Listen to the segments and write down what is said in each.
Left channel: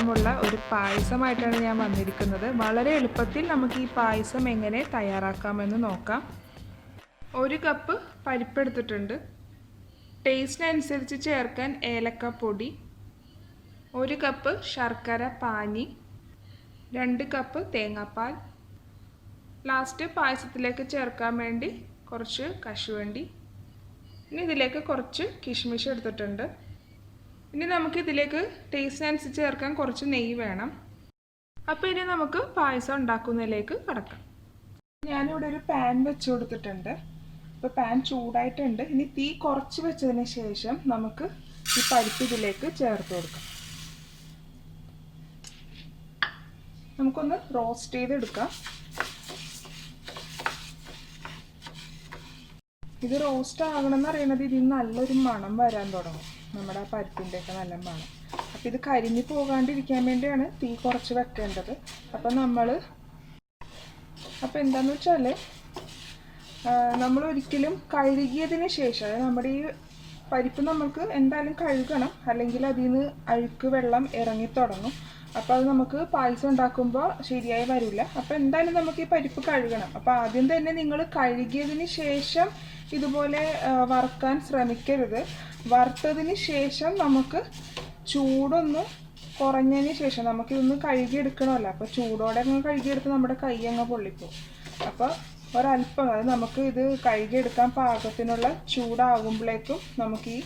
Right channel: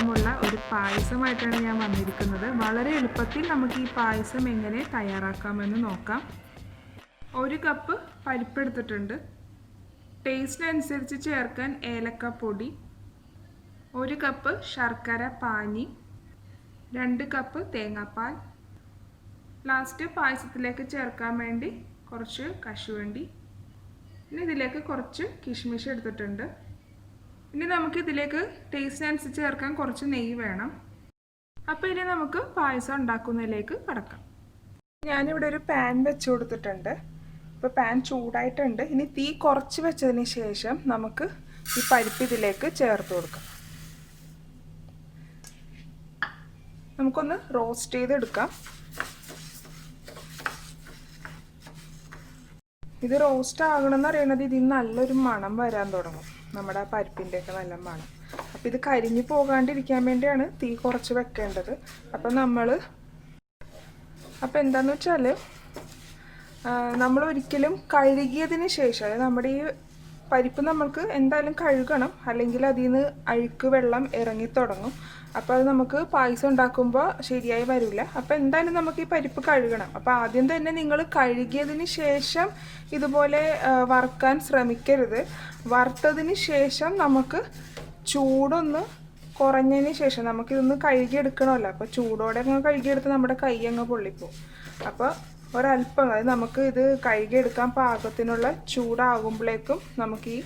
രസമുള്ള ഒരു പായസമായിട്ടാണ് ഞാൻ വന്നിരിക്കുന്നത്. വളരെ എളുപ്പത്തിൽ നമുക്ക് ഈ പായസം എങ്ങനെ തയ്യാറാക്കാമെന്ന് നോക്കാം. 1 കപ്പ് പരിപ്പ് എടുത്തിട്ടുണ്ട്. ടേസ്റ്റിനനുസരിച്ച് ചേർക്കാൻ ഏലക്കപ്പൊടി, 1 കപ്പ് ശർക്കര പാനി, 2 കപ്പ് തേങ്ങാപ്പാൽ, ലാസ്റ്റ് പായസത്തിലേക്ക് ചേർക്കാൻ വേണ്ടി കുറച്ച് കശുവണ്ടി. ഇനി ഇതിലേക്ക് കുറച്ച് കിഷ്മിഷ് എടുത്തിട്ടുണ്ട്. ഇനി നമുക്ക് ഇതിലേക്ക് ടേസ്റ്റിനനുസരിച്ച് ചേർക്കാൻ കുറച്ച് നെയ്യ് വേണം. അപ്പോൾ ഇനി നമുക്ക് പായസം ഉണ്ടാക്കുന്നതിലേക്ക് കടക്കാം. ഞാനിവിടെ ഒരു പാൻ വെച്ച് കൊടുത്തിട്ടുണ്ട്. അപ്പോൾ പാൻ ചൂടായിട്ടുണ്ട്. ഇനി തീ കുറച്ച് വെച്ചതിന് ശേഷം നമുക്ക് ഈ പരിപ്പ് ഇതിലേക്ക് ചേർത്ത് കൊടുക്കാം. നമുക്കൊന്ന് റോസ്റ്റ് ചെയ്തെടുക്കാം. ഇത് റോസ്റ്റ് ആകണമെന്ന് അറിയണത് ഇതിൽ നല്ലൊരു മണം വരാൻ തുടങ്ങും. നമ്മുടെ പരിപ്പിൻ്റെയൊക്കെ നല്ല മണം. അപ്പോൾ ഇത് കരിഞ്ഞു പോകാണ്ടിരിക്കാൻ വേണ്ടിയാണ് തീ കുറച്ച് വെക്കേണ്ടത്. അപ്പോൾ എന്താണെന്ന് വെച്ചാൽ നമ്മൾ ഒരിക്കലും കഴുകിയതിന് ശേഷം, അതായത് നമ്മുടെ ഈ പരിപ്പ് നമ്മൾക്ക് എന്തായാലും കഴുകണം, അല്ലെങ്കിൽ അതിൽ നിന്ന് അഴുക്ക് വെള്ളം ഇറങ്ങി തുടങ്ങും. അപ്പോൾ അത് നമുക്ക് പായസം ഉണ്ടാക്കുമ്പോൾ ശരിയായി വരില്ല. അപ്പോൾ എന്തായാലും നമുക്ക് ഈ പരിപ്പ് കഴുകണം. അപ്പോൾ ആദ്യം തന്നെ നിങ്ങൾ കഴുകിയതിന് ശേഷം ഇതുപോലെ വറുക്കാൻ ശ്രമിക്കരുത്. വറുത്തതിന് ശേഷം നമുക്ക് ചൂടൊന്ന് കുറഞ്ഞതിന് ശേഷം നമുക്കിതൊന്ന് കഴുകിയെടുക്കണമല്ലോ. അപ്പോൾ ചൂടോടെ അങ്ങ് കഴുകിയെടുത്ത് നമ്മുടെ കൈ അങ്ങ് പൊള്ളിപ്പോവും. അപ്പോൾ ഒരല്പം, അതായത് നമുക്ക് ഇത് കഴുകിയെടുക്കാൻ പാകത്തിനുള്ള ചൂടാകുമ്പോഴേക്കും നമുക്ക് ഈ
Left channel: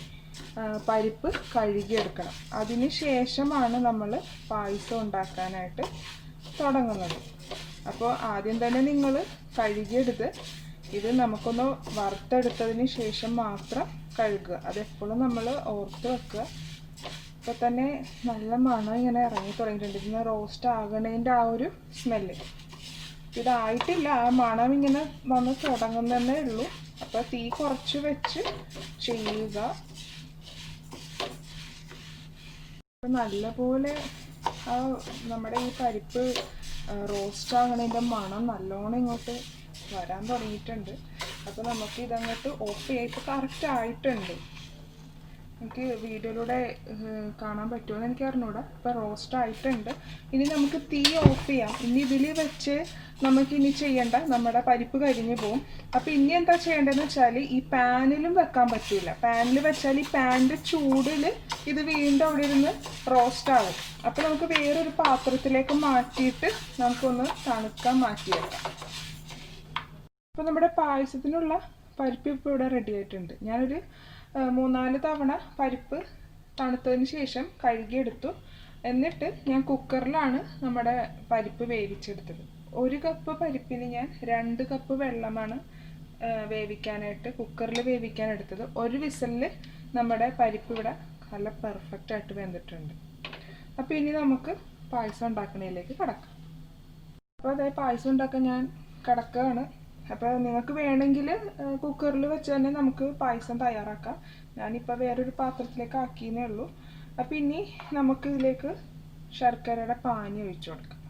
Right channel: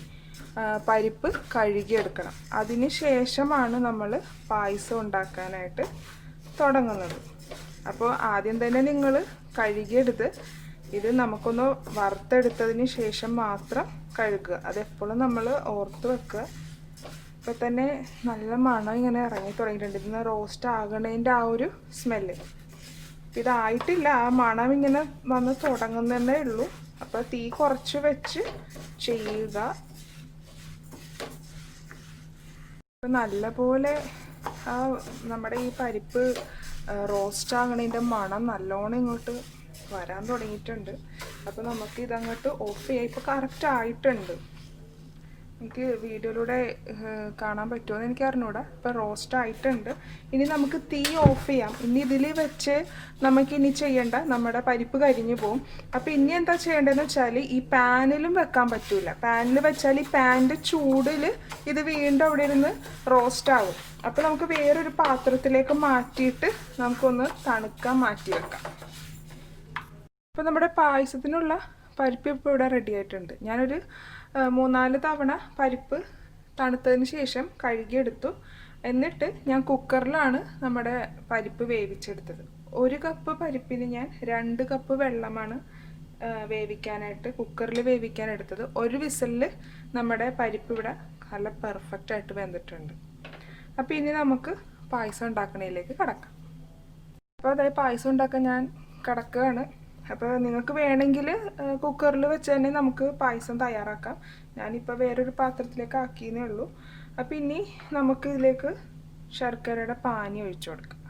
പരിപ്പ് കഴുകിയെടുക്കണം. അതിന് ശേഷമാണ് നമ്മൾ പായസം ഉണ്ടാക്കാനായിട്ട് തുടങ്ങുന്നത്. അപ്പോൾ ആദ്യം തന്നെ നിങ്ങൾ കഴുകിയെടുത്ത് ഇത് നമുക്കൊന്ന് വറുത്തെടുത്തതിന് ശേഷം മാത്രം കഴുകുക. അതെപ്പോഴും നമ്മൾ ഓർത്ത് വെക്കുക. ഇപ്പോൾ തന്നെ നല്ല മണം ഇങ്ങനെ ഇറങ്ങി തുടങ്ങിയിട്ടുണ്ട്. ഇതിന് റോസ്റ്റ് ആകണേൻ്റെ ആ ഒരു സ്മെല്ല്. ഇതായിട്ടില്ല, ആ മണം ഇങ്ങനെ വന്ന് തുടങ്ങുന്നതേ ഉള്ളൂ. അപ്പോൾ തീ കുറച്ച് വെച്ച് ചെയ്യുക. നല്ലപോലെ നമ്മുടെ ഈ പരിപ്പ് റോസ്റ്റ് ആകണതിൻ്റെ മണം നല്ലോണം ഇങ്ങോട്ട് വരാൻ തുടങ്ങിയിട്ടുണ്ട്. അപ്പോൾ നമുക്ക് ഇതങ്ങോട്ട് ഓഫ് ചെയ്യാം. ഇപ്പോൾ കറക്റ്റ് ആയിട്ടുണ്ട്. എനിക്ക് വീഡിയോയിലൂടെ കാണാൻ പറ്റുമോയെന്ന് എനിക്ക് അറിഞ്ഞൂടാ. ഇപ്പോൾ റോസ്റ്റ് ആയിട്ടുണ്ട്. ഇനി നമുക്ക് തീ ഓഫ് ചെയ്യാം. ഇനി ഇതിൽ വെച്ച് നമുക്കിനി ചെയ്യേണ്ട, നമ്മുടെ പരിപ്പ് കരിഞ്ഞു പോകും. അപ്പോൾ ഇനി എന്താ ചെയ്യേണ്ടതെന്ന് വെച്ചാൽ ഈ പാനിലും വെക്കാൻ പറ്റില്ല. പാനിൽ വെച്ചാൽ ഈ പാനിൻ്റെ ചൂടിൽ ഇത് വീണ്ടും അവിടെ ഇരുന്ന് റോസ്റ്റ് ആവും. അപ്പോൾ നമുക്ക് വേറൊരു പാത്രത്തിലേക്ക് മാറ്റിയിട്ട് നമുക്കൊന്ന് തണുക്കാൻ മാറ്റി വെക്കാം. അപ്പോൾ നമ്മുടെ പായസത്തിനുള്ള പരിപ്പ് ഇപ്പോൾ ഇവിടെ റെഡി ആയിട്ടുണ്ട്. ഞാനൊരു 3-4 തവണ പരിപ്പ് തണുത്തതിന് ശേഷം കഴുകിയെടുത്തു. എന്നിട്ട് ഞാൻ കുക്കറിലാണ് നമ്മുടെ പരിപ്പ് വേവിച്ചെടുത്തത്. 1 കപ്പ് പരിപ്പിന് ഞാൻ 2 കപ്പ് വെള്ളമാണ് വേവിക്കാനായിട്ട് കുക്കറിൽ വേവിക്കാൻ എടുത്തത്. 1 വിസിലിൽ നമ്മുടെ പരിപ്പ് ഇവിടെ നല്ല പെർഫെക്റ്റ് ആയിട്ട് വെന്തിട്ടുണ്ട്. അപ്പോൾ ഇനി നമുക്ക് പായസം ഉണ്ടാക്കുന്നതിലേക്ക് കടക്കാം. അപ്പോൾ അതായത് പായസം ഉണ്ടാക്കാൻ ഞാൻ കിടക്കുകയാണ്. അപ്പോൾ നിങ്ങൾക്ക് വേണമെങ്കിൽ കുക്കറിൽ വെച്ച് തന്നെ നമുക്ക് പായസം തയ്യാറാക്കാം. ഞാനിപ്പോൾ വേറൊരു പാത്രത്തിലേക്ക് ആക്കിയതേ ഉള്ളൂ. അപ്പോൾ ഇനി നമുക്ക് ഇതിലേക്ക് ശർക്കരയുടെ പാനി ഒഴിച്ചു കൊടുക്കാം.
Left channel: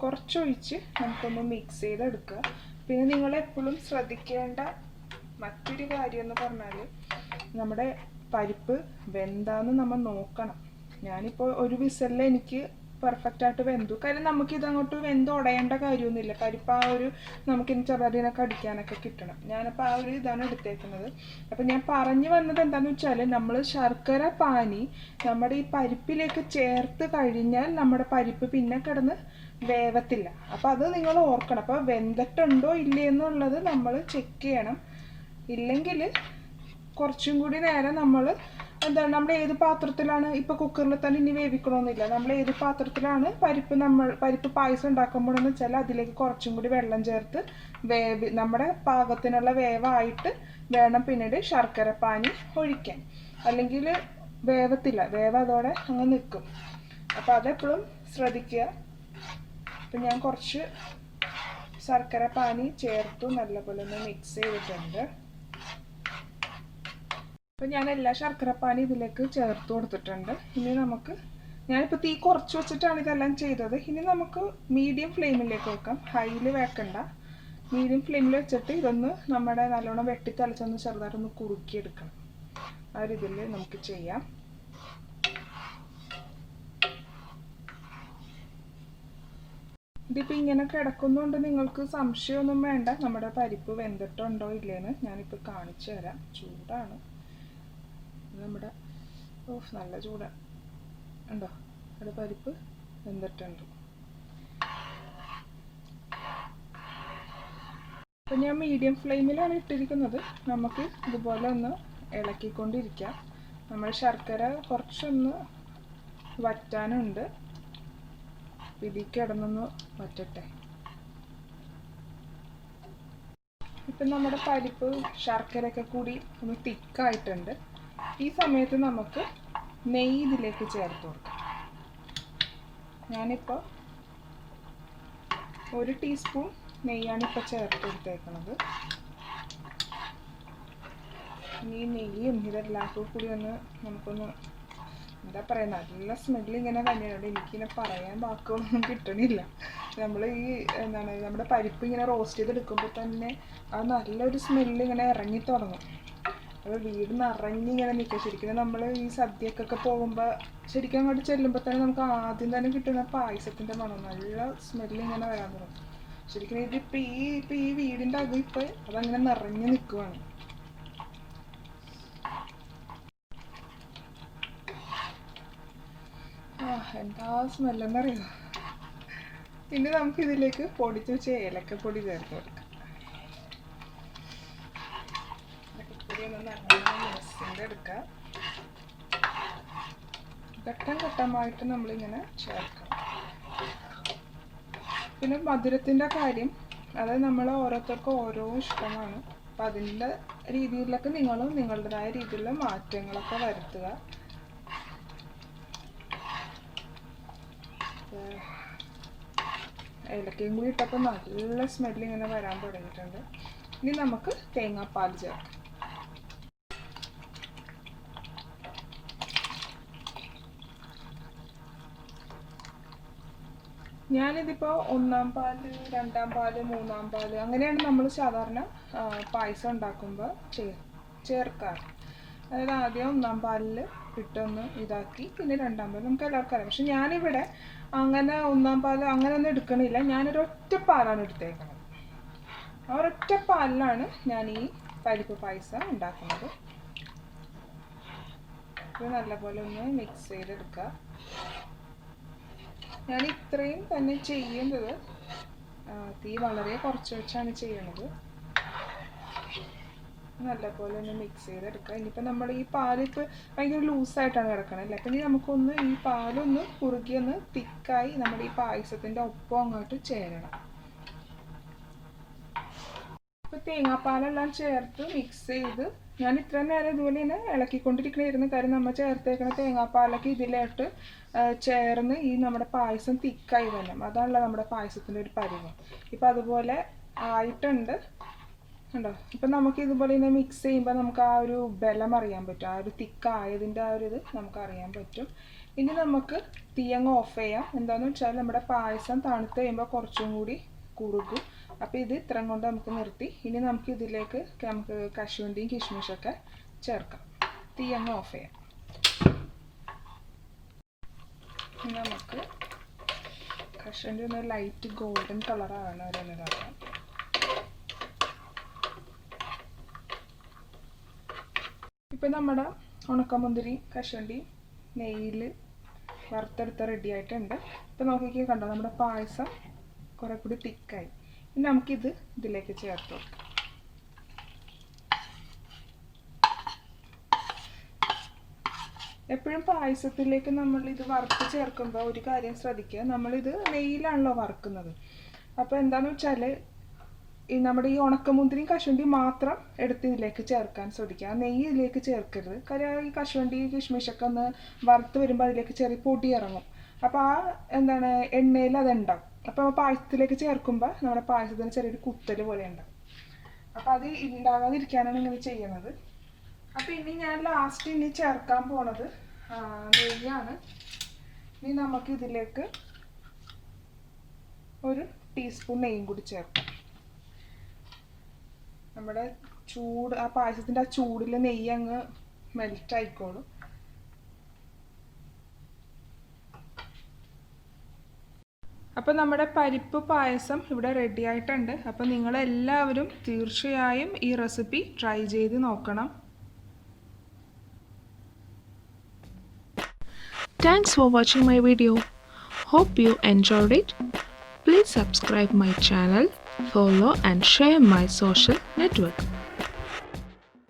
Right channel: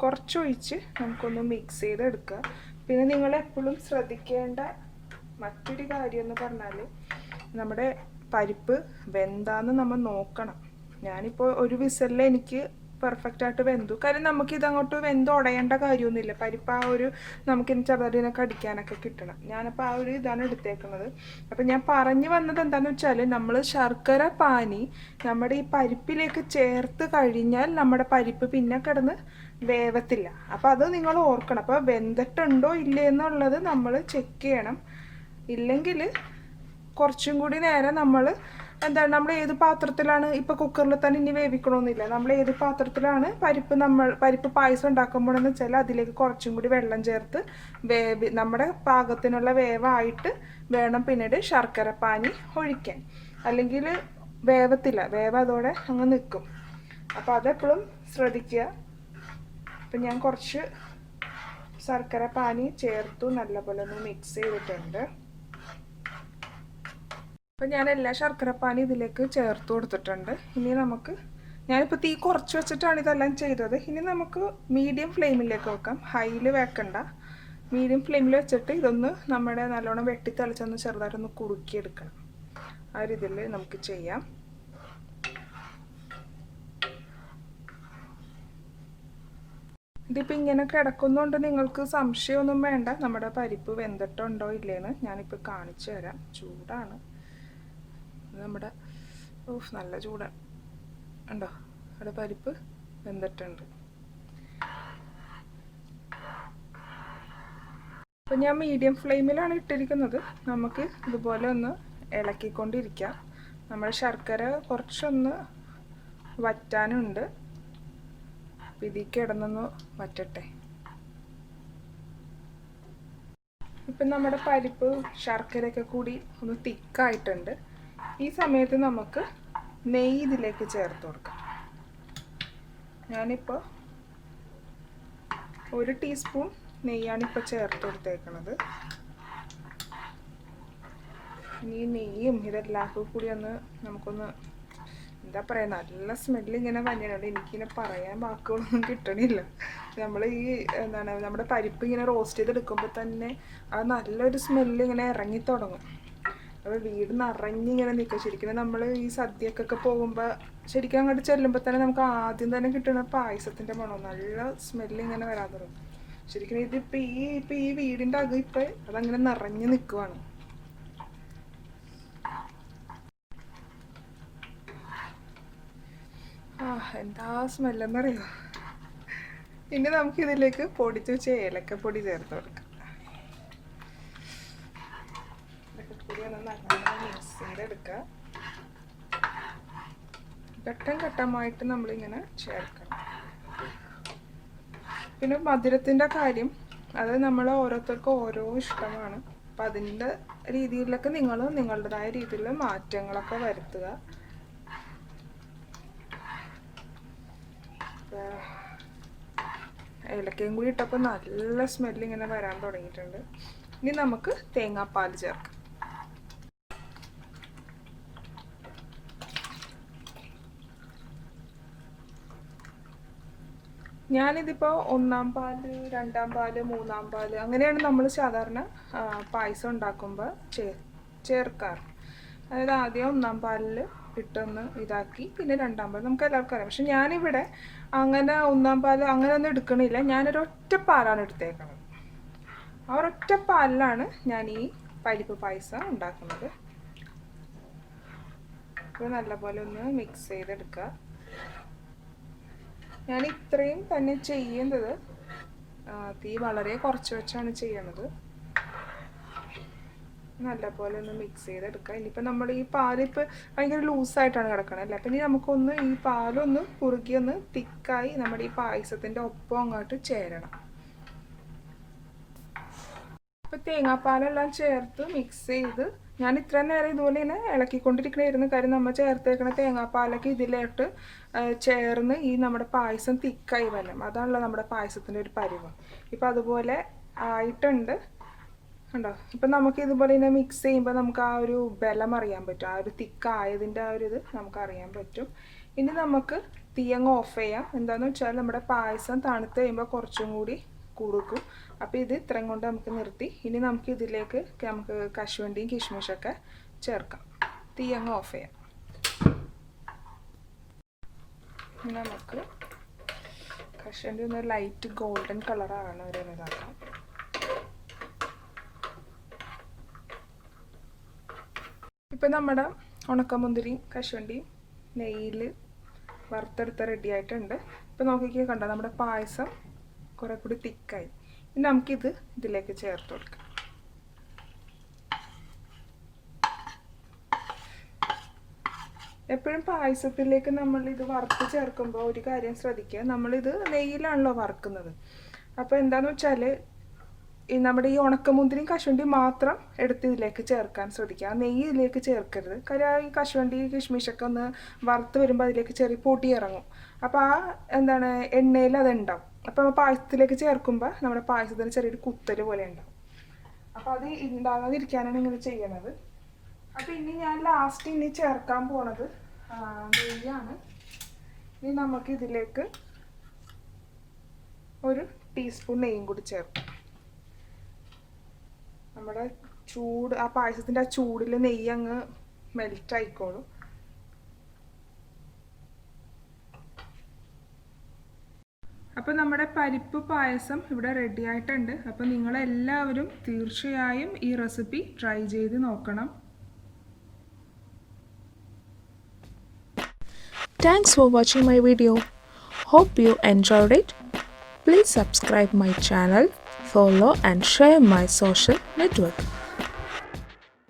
കുറച്ചൊഴിച്ച് നമുക്കൊന്ന് മിക്സ് ചെയ്തെടുക്കുക. പിന്നെ നിങ്ങൾ എപ്പോഴും ശ്രദ്ധിക്കേണ്ട മറ്റൊരു കാര്യം എന്ന് പറഞ്ഞാൽ നമ്മുടെ പരിപ്പ് വെന്താന്ന് നമ്മൾ നോക്കണം. ഞാനിപ്പോൾ 1 വിസിലിൽ എനിക്ക് പെർഫെക്റ്റ് ആയിട്ട് വെന്തു. കാര്യം നമുക്കിതങ്ങോട്ട് വെന്തുടയേണ്ട കാര്യമൊന്നുമില്ല. പരിപ്പ് ആ ഒരു നമുക്കിനി ചെറുതിനൊക്കെ അടിക്കാനൊക്കെ കിട്ടണം. ഞാനിപ്പോൾ ആ ഒരു ഇതാണ് എടുത്തേക്കുന്നത്. അപ്പം ഞാൻ പറഞ്ഞു വന്നത് എന്താണെന്ന് വെച്ചാൽ നമ്മൾ ശർക്കര പാനി നമ്മുടെ ഈ പരിപ്പിലേക്ക് ചേർത്ത് കഴിഞ്ഞാൽ നമ്മുടെ പരിപ്പ് പിന്നെ കിടന്ന് വേവത്തില്ല. അപ്പോൾ അത് നിങ്ങൾ ഓർക്കണം. അപ്പോൾ വെന്തിട്ടുണ്ടോ ഇല്ലേ എന്നുള്ളത് നമ്മൾ ചെക്ക് ചെയ്യണം. ഇല്ലെങ്കിൽ കുറച്ചും കൂടി നേരം നമ്മൾ ഏത് പാത്രത്തിലാണ്, ഇപ്പോൾ കുക്കറിൽ തന്നെ ഇനി വേവിക്കണമെന്നില്ല, നമ്മൾ ഏത് പാത്രത്തിലാണ് പരിപ്പ് പായസം ഉണ്ടാക്കുമ്പോഴെന്ന് വെച്ചാൽ അതിലേക്ക് കുറച്ചും കൂടി വെള്ളം ചേർത്ത് നമ്മുടെ പാകത്തിനുള്ള വേവായിട്ട് വേണം പിന്നീട് ശർക്കര പാനി ഒഴിക്കാൻ. അല്ലെങ്കിൽ വേവത്തില്ല, അതോടെ അങ്ങ് നിൽക്കും. അപ്പോൾ അതെപ്പോഴും ശ്രദ്ധിക്കുക. അപ്പം ഞാൻ കുറച്ച് ശർക്കര പാനി ചേർത്തു നല്ലപോലെ ഒന്ന് മിക്സ് ചെയ്തിട്ടുണ്ട്. അപ്പോൾ ഞാൻ എല്ലാ ശർക്കരപ്പാനി ഇതിലേക്ക് ചേർത്ത് കൊടുത്തിട്ടുണ്ട്. ഇനി ഞാനിപ്പോൾ തീ കുറച്ച് വെച്ചിട്ടാണ് ഇതെല്ലാം ചെയ്തത്. ഇനി നമുക്ക് മീഡിയം ഫ്ലെയിമിലേക്ക് വെക്കാം. ഹൈയിൽ വെക്കണ്ട. മീഡിയം ഫ്ലെയിമിൽ വെച്ചിട്ട് ഇതൊന്ന് നമ്മുടെ നല്ലോണം വെട്ടി തളിച്ചൊന്ന് ചെറുതായിട്ടൊന്ന് കുറുക്കിയെടുക്കണം. ആ രീതിയിൽ നമുക്ക് ചെയ്യാം. ഇതിപ്പോൾ ഇങ്ങനെ കിടക്കുന്നതുകൊണ്ട് നിങ്ങൾക്ക് സംശയമൊന്നും വേണ്ട നമ്മുടെ പരിപ്പ് വെന്തിട്ടുണ്ടോ ഇല്ലേന്ന്. ഞാനിപ്പോൾ കാണിച്ചു തരാം. ചൂടാണ് നമ്മുടെ. ഓഫ്, നല്ല ചൂടാണ്. ഉണ്ടോ അവിടെ പരിപ്പ് വെന്തിട്ടുണ്ട്. അപ്പോൾ ഞാൻ മീഡിയം ഫ്ലെയിമിലാണ് ഇട്ടിരിക്കുന്നത്. നമുക്ക് ഇതുപോലെ ഒന്ന് ഇളക്കിക്കൊണ്ടിരിക്കാം. നമ്മൾ ശർക്കര കുറച്ചൊന്ന് വറ്റാനുണ്ട്. ഇതിൽ കിടന്നൊന്ന് വറ്റട്ടെ. ഇപ്പം നമ്മുടെ പരിപ്പ് ശർക്കരയൊക്കെ കൂടി ഒന്ന് തിക്കായിട്ടുണ്ട്. ഈ സമയത്ത് നമുക്ക് നെയ്യ് ഇതിലേക്ക് ചേർത്ത് കൊടുക്കാം. ഞാനിപ്പോൾ 1 ടീസ്പൂൺ നെയ്യാണ് ഇപ്പോൾ ചേർത്ത് കൊടുത്തേക്കണത്. ഇനി നെയ്യും ഇതെല്ലാം കൂടി ഒന്ന് നമുക്കൊന്ന് എന്താ പറയുക, നല്ല സ്മെല്ല് ഇങ്ങനെ തന്നെയാണ്. എനിക്കിങ്ങനെ പറയാൻ വാക്കുകളൊന്നും കിട്ടണില്ല. നമ്മൾ ഈ എന്താണ് നമ്മുടെ പരിപ്പ് ഇങ്ങനെ റോസ്റ്റ് ചെയ്തെടുക്കുമ്പോൾ തന്നെ അത് നല്ലൊരു സ്മെല്ല് ഇങ്ങനെ ഇറങ്ങി തുടങ്ങും. അപ്പോൾ വീട് നിറഞ്ഞിങ്ങനെ നിൽക്കുക. ശരിക്കും നമ്മൾ ഈ സദ്യക്കൊക്കെ പോകുമ്പോൾ ശരിക്കും അങ്ങോട്ട് ചെല്ലുമ്പോൾ തന്നെ നമുക്ക് ആദ്യം തന്നെ കിട്ടുന്ന പായസത്തിൻ്റെ മണം, നല്ല സ്മെല്ല് ഇങ്ങനെ വരാൻ തുടങ്ങും. ശരിക്കും ഇതിപ്പോൾ ഈ വീടിൻ്റെ അകം ഇപ്പോൾ അതങ്ങനെ നിറഞ്ഞു നിൽക്കുവാണ്. എന്താ സ്മെല്ലെന്നറിയോ. ഇനി നമുക്കിതിലേക്ക് പൊടിച്ച് വെച്ച ഏലക്കപ്പൊടി ചേർത്ത് കൊടുക്കാം. ഏലക്കപ്പൊടി ഒന്ന് നന്നായി മിക്സ് ചെയ്തെടുക്കുക. ഘട്ടം ഘട്ടമായിട്ട് നമ്മളിങ്ങനെ ചേർക്കണം. പിന്നെ മധുരത്തിൻ്റെ കാര്യം അത് നമ്മൾ ഓരോരുത്തർക്കും ഓരോ ഇഷ്ടമാണ്. അപ്പം അതിൻ്റെ രീതിയിലൊക്കെ നിങ്ങൾ നിങ്ങളുടേതായ രീതിയിൽ മാറ്റങ്ങളൊക്കെ വരുത്തുക. ഏലക്കയും കൂടി ഇട്ടപ്പോൾ നല്ല സ്മെല്ല് ഇങ്ങനെ വരാൻ തുടങ്ങിയിട്ടുണ്ട്. ഇനി നമുക്ക് തേങ്ങാപ്പാൽ ചേർക്കാം. ഞാനിതിപ്പോൾ 1-ാം പാല്, 2-ാം പാല്, 3-ാം പാല് അങ്ങനെയാണ് നമ്മൾ സാധാരണ പായസം ഉണ്ടാക്കുമ്പോൾ ചേർക്കാറ്. അതായത് ആദ്യം 1-ാം പാലിൽ ഇട്ടൊന്ന് ഇതാക്കി പിന്നെ 2-ാം പാൽ നമുക്ക് എല്ലാവർക്കും അറിയാം. പക്ഷെ ഞാനിവിടെ അങ്ങനെ 1-ാം പാൽ അങ്ങനെ ഒന്നും എടുക്കണില്ല. ഞാനൊരൊറ്റ പാലാണ് എടുത്തേക്കുന്നത്. ആ ഒരൊറ്റ പാലിലാണ് ഞാൻ ഈ പരിപ്പ് പായസം ഉണ്ടാക്കുന്നത്. ഇത് നല്ലപോലെ ഒന്ന് മിക്സ് ചെയ്തെടുക്കുക. ഞാൻ ഇത്രയും തന്നെ ചെയ്യുന്നത്. തീ വളരെ കുറച്ച് വെച്ചാണ് ചെയ്യണത്. നല്ലപോലെ ഒന്ന് മിക്സ് ചെയ്തെടുക്കുക. ഇനിയിപ്പോൾ നമ്മൾ ഈ പാലിപ്പോൾ ഭയങ്കര ലൂസായിട്ടാണ് കിടക്കണത് അല്ലേ. അപ്പം ഇനി നമുക്കൊന്ന് ഈ പാലൊന്ന് കുറുകി ഒന്ന് തിക്കായി നമ്മുടെ ഈ പായസത്തിൻ്റെ ഒപ്പം അങ്ങോട്ട് ചേരണം. അപ്പോൾ തേങ്ങാപ്പാലെല്ലാം ചേർത്ത് മിക്സ് ചെയ്ത് ഞാൻ ഇത്ര നേരം ഇതുപോലെ തന്നെ ഇളക്കിക്കൊണ്ടിരിക്കണമായിരുന്നു. കാര്യം നമ്മൾ ചേർത്തേക്കണ തേങ്ങാപ്പാലൊക്കെ ഇതിലോട്ട് ചേർന്ന് ഈ നമ്മുടെ പായസം തിക്കായി വരണം. അതാണല്ലോ നമ്മുടെ പായസത്തിൻ്റെ ഒരു പരിവ്. ഇപ്പം അതുപോലെ ആയിട്ടുണ്ട് കണ്ടോ. ഇപ്പം നമുക്ക് ഇതുപോലെ തന്നെ മിക്സ് ചെയ്യുമ്പോൾ നമുക്ക് ആ ഒരു ബലം അറിയാൻ പറ്റും. ആ ഒരു തിക്കായതിൻ്റെ ആ ഒരു ഇത് നമുക്ക് അറിയാൻ പറ്റും. ഇനി നമുക്ക് തീയങ്ങ് ഓഫ് ചെയ്യാം. എന്താണെന്ന് വെച്ചാൽ നമ്മുടെ പായസം തണുത്ത് കഴിയുമ്പോൾ കുറച്ചും കൂടി കുറുകും. അപ്പോൾ ഇത് ഇത്രയും കൊണ്ട് നമുക്ക് നിർത്തി. ഇനി നമുക്ക് ഇതിലേക്ക് നമുക്ക് കശുവണ്ടിയും കിഷ്മിഷൊക്കെ ചേർക്കാം. തീയങ്ങ് ഓഫ് ചെയ്യാം. ഇനി നമുക്ക് കശുവണ്ടി ഒന്ന് ലൈറ്റ് ഗോൾഡൻ കളറാണ് വരുന്നതാണ്. ഇപ്പം നമ്മുടെ ഉണക്കമുന്തിരിയും കശുവണ്ടിയും നെയ്യിൽ വറുത്തെടുത്ത് റെഡി ആയിട്ടുണ്ട്. ഇപ്പം നോക്കിക്കേ കണ്ടോ, നമ്മുടെ പായസം കുറെ കൂടി തിക്കായി. ഇനി നമുക്കിത് ഇതിലേക്ക് ചേർത്ത് വെക്കാം. എപ്പോഴും പായസത്തിലേക്ക് നമ്മളിത് വറുത്ത് ചേർക്കുമ്പോൾ ഒരു കാര്യം ശ്രദ്ധിക്കുക. നമ്മളിത് നെയ്യിലാണല്ലോ വറുക്കുന്നത്. അപ്പോൾ എന്താണെന്ന് വെച്ചാൽ നമ്മുടെ ഈ ഉണക്കമുന്തിരിയും കശുവണ്ടിയും മാത്രം എടുത്ത് ഇതിലേക്ക് ചേർക്കാൻ ശ്രദ്ധിക്കുക. നെയ്യ് ഇതിലേക്ക് ചേർക്കരുത്. കാര്യം ഈ കശുവണ്ടി കിഷ്മിഷൊക്കെ ഒന്ന് വറുത്ത് വരുമ്പോൾ അതിലേക്ക് ചെറിയ പൊടി ഇറങ്ങും. അപ്പോൾ ആ എന്താണ് എണ്ണയിൽ അതുണ്ടാവും. അപ്പോൾ പായസത്തിലേക്ക് ചേർക്കുമ്പോൾ നമ്മുടെ പായസത്തിന് ചെറിയൊരു കുത്തൽ പോലെ ഉണ്ടാവും. അപ്പോൾ അത് ഉണ്ടാകാതിരിക്കാനാണ് ഇങ്ങനെ ചെയ്യണത്. അപ്പോൾ ഇനി ഞാൻ ലാസ്റ്റ് ഇനി ചേർക്കാൻ പോണത് നെയ്യാണ്. ഇനി നമുക്ക് ഇതിലേക്ക് 1 ടീസ്പൂൺ നെയ്യും കൂടി ചേർക്കാം. നമ്മുടെ ചൂട് ആ പായസത്തിൻ്റെ ആ ചൂടിൽ നെയ്യ് അങ്ങ് മെൽറ്റ് ആയിക്കോളും. അപ്പോൾ നമ്മുടെ പരിപ്പ് പായസം ഇവിടെ റെഡി ആയിട്ടുണ്ട്. അപ്പോൾ നിങ്ങളെല്ലാവരും തീർച്ചയായും ഈ റെസിപ്പി ട്രൈ ചെയ്ത് നോക്കണം. Thanks for watching my video. Hope you enjoyed it. Please subscribe my channel, follow and share my social network.